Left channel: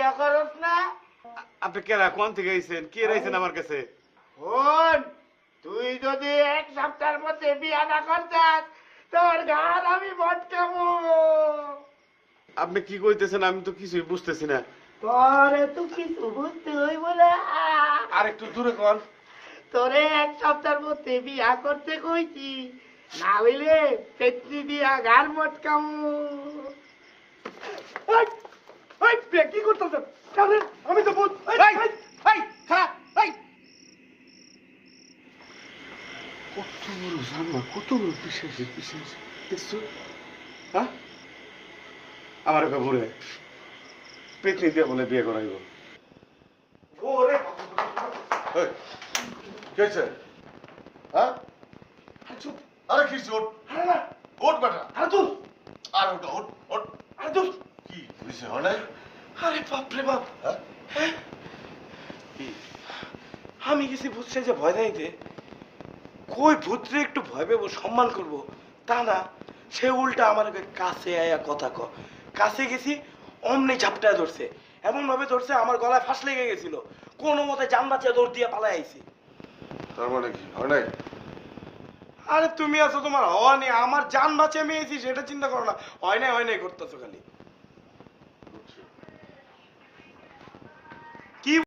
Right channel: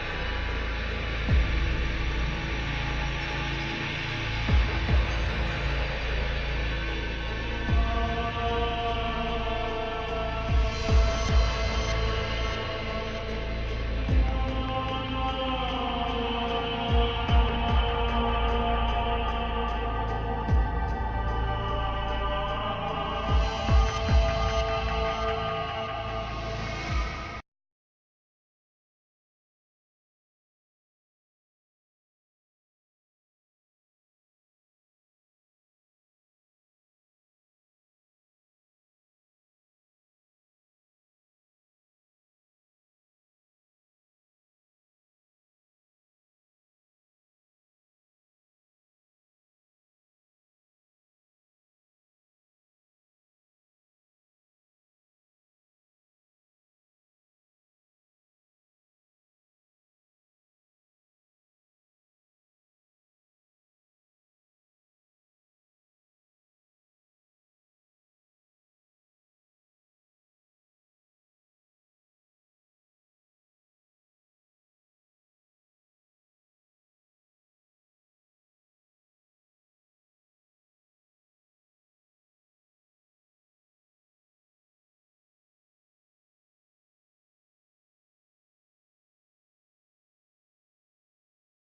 বিয়া করস না? আপনি কেরা কোন থেকে আইছেন কে রয়েছেন আমার কাছে? শোন, তুই যদি এক সপ্তাহের মধ্যে বিয়াটা করতাম তোর গান আমি বসাবো। আপনি কি কইতেছেন? আমি তো কিছুই বুঝতেছি না। ঘরে তো কিছু বুঝতে হইব না। আরে কি করে বল? তোরে এক সপ্তাহের মধ্যে বিয়া করতে কইছি, নাহলে একটি বিয়া গান বসাবো। কি করতেছেন? আমি তো বুঝ কত বড় জানলা, কত বড় পিছাইছে পিছাইছে দেখছো? হ্যাঁ আমার একটা বুড়ে পেতনি দিয়ে বলে বিয়ে করাইব। ওরে কি হয়েছে? হ্যাঁ চুপ। আরে কি চোট? আরে না ওট বেটা। আরে তুই আর ওটা ওট ওট। আরে তুই কি হয়েছে? হয় নাই? আরে বাপরে বাপ, হ্যাঁ হ্যাঁ কি? আমি গেছি বুঝছে যে ভয় দেয়তে কই ভূতরে একটু ভয় পেবো সম্মান করব তা না, সে উল্টা আমার কাছে আয়া কথা কাছে গেছি অমনি ঝাপটায় ধরছে, এমন ভাবে ধরছে আমার গলায় ফাঁস লেগে গেছিল, কোনো মতে জান বাঁচিয়ে দৌড় দিয়ে পালাই আইছি। তার মানে কি হয় নাই? আরে তুমি আছো তোমার হওয়া নেই, আমার জান বাঁচিয়ে আমি আইছি সেটা চিন্তা করো না, হয় নাই করতেছো খালি।